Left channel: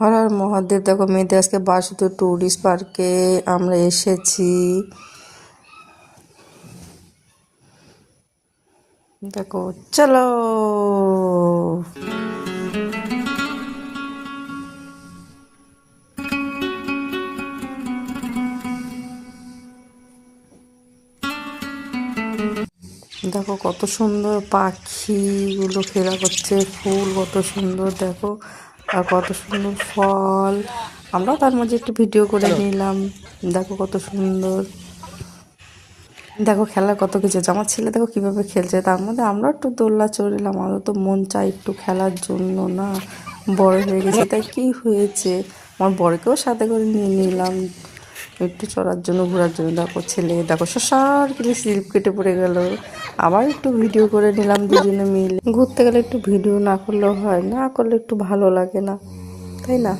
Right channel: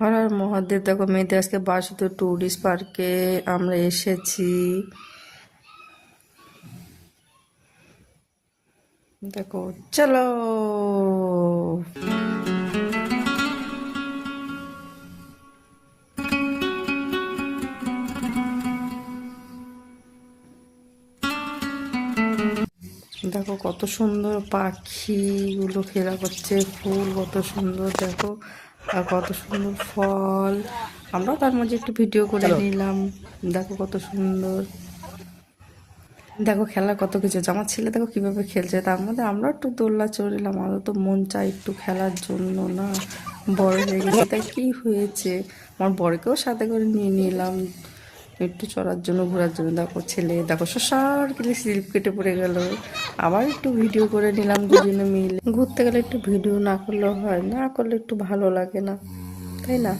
হর হর মহাদেব। দেখো মেয়েদের আজকে বাসুতে টুরিস্ট পার্কে আমরা এসেছি। দেখো চলো। দেখো কত সুন্দর পাখিগুলো খেলা করছে, ফুল কত সুন্দর দেখো, আর কত সুন্দর ফল। আমরা তার মাঝে একটু ভিডিও করে নিলাম। দেখো কত সুন্দর, দেখো খেলার কত কিছু আছে। আমার ছেলে দেখো কিভাবে খেলছে, তার মধ্যে আমরা একটু দোলনা চড়লাম। আমাদের তো মন চাই একটু খেলার জন্য, না বড় হয়ে গেছে তাই কি হয়েছে, আমার বড়কেও সাথে করে নিয়ে নিলাম একটু চড়ার জন্য, ঘোরার জন্য। দেখো ছেলে দেখো সসার করে স্লিপ কেটে পড়ে গেল। আবার একটু ভিডিও করে নিলাম দুজনে মিলে। ঘুরতে গেলে একটু ভিডিও না করলেও হয়, না করলে একটু ভালো লাগে না, তাই না?